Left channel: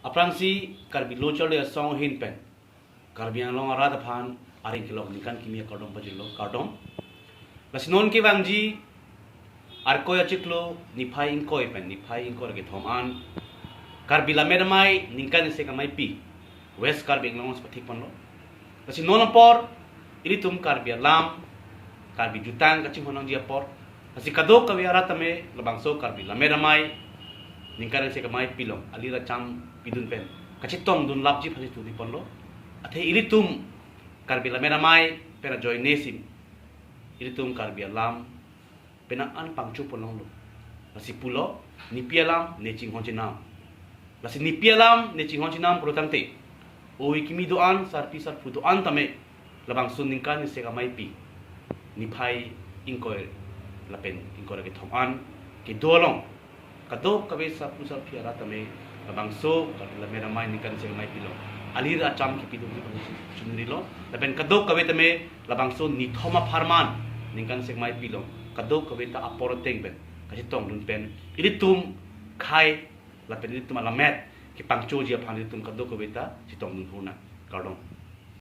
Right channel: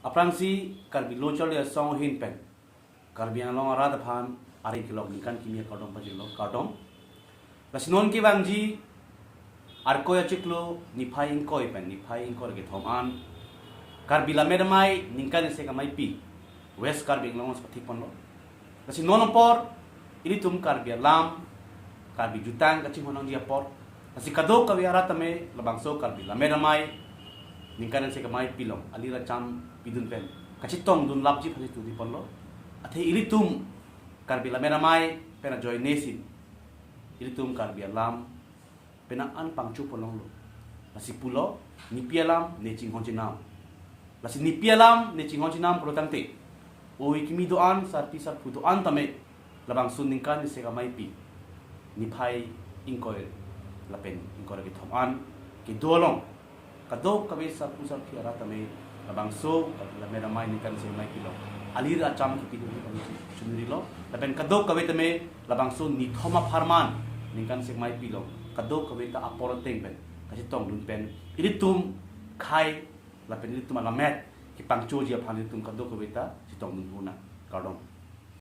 Aprang si karbi local ya song hin pen. Karbi yang long arada phan aring kilong nikan kimia kardom pajilo kardom. Lasinon ki bangji arko ya ciklo nipai ingkoi pen nipai ingkoi ke thoman. Karbi la mermai nikan se kamai pi. West karbi long seperti pon lo. Lasinon por ini tum karbi lam karbi jutang kacing honong dia por. Lasi kadok kawi arata me labang so karbi la mermai ningkaran se kamai pilong alira cham pidun pen kachitong dun lapji phani tu di ponlo athe ilitum karbila mera mai pena joy nesim ilitum karbi alam pena an pangchu ponong lo lasi pulo nipialam necing honchinam lasi nipialam necing honchinam protangte oi kimi doan sarpi sarpu doan tame labang sun ningkan se kamai pi niphai ingkoi lapen ingkoi ke thoman ke dolong kadok kabe sapu sarpi arata me bangso kadla mera mai nikan se mai pilong alir acham ki pidung ki bangso chunri lo lapen kadok kabe tame labangso ni thoma farman nikan se mai pilong kadok kabe ta aporoteng pen kasi tong dun pen ilitum khai lapen ilitum alamet ki pangcho dia phan ilitum kadok kabe ta si tong dun huna kardong